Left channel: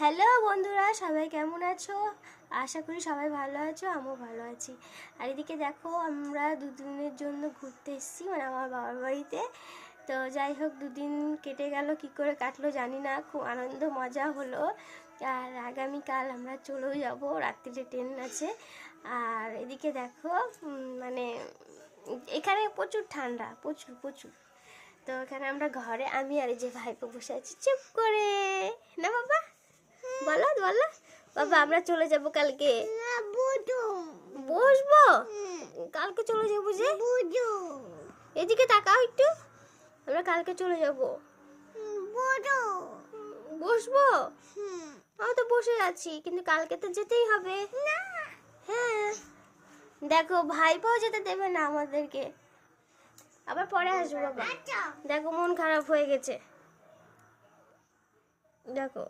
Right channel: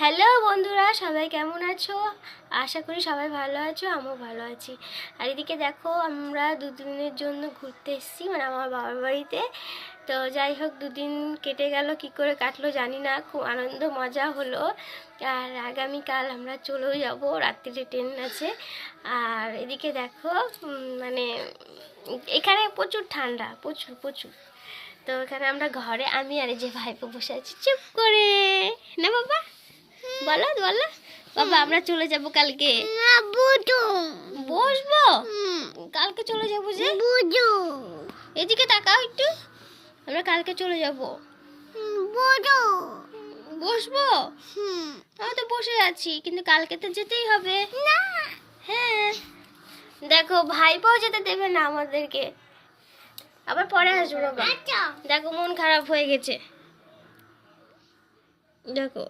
Hello বন্ধুরা, সবাই কেমন আছো? আশা করি সবাই ভালো আছো, আমিও ভালো আছি। আর এদিকে দেখো, আমরা দুদিনের জন্য ঘুরতে এসেছি, মানে আমার বাবার বাড়িতে। তো যাই হোক, দুদিন কেটে গেল, কি করে কাটলো জানি না, খুব আনন্দ মজা হলো। আর আগামীকাল আমরা চলেও যাব, রাত্রিরে ট্রেন আছে। আর এদিকে দেখো, মানে এখানে প্রচুর ঠান্ডা, প্রচুর প্রচুর। তো এখানে আমরা ঘরে, আমি আর এই যে ভাইপো বসে আছি চুপ করে। না বাবা, বলো বলো। বাবা আমরা চলে যাব কালকে। বসবো, কালকে চলে যাবো যে। এদিকে তাকাও একটু, আমরা কালকে চলে যাব। বসবো, আমি তো বসে আছি, কিন্তু কালকে তো যেতেই হবে। হ্যাঁ, দেখো ভাইপোও যেতে দেবে না আমাদেরকে, আবার পরে আসবো বাবা। দেখো মন খারাপ হয়ে গেছে, দেখো।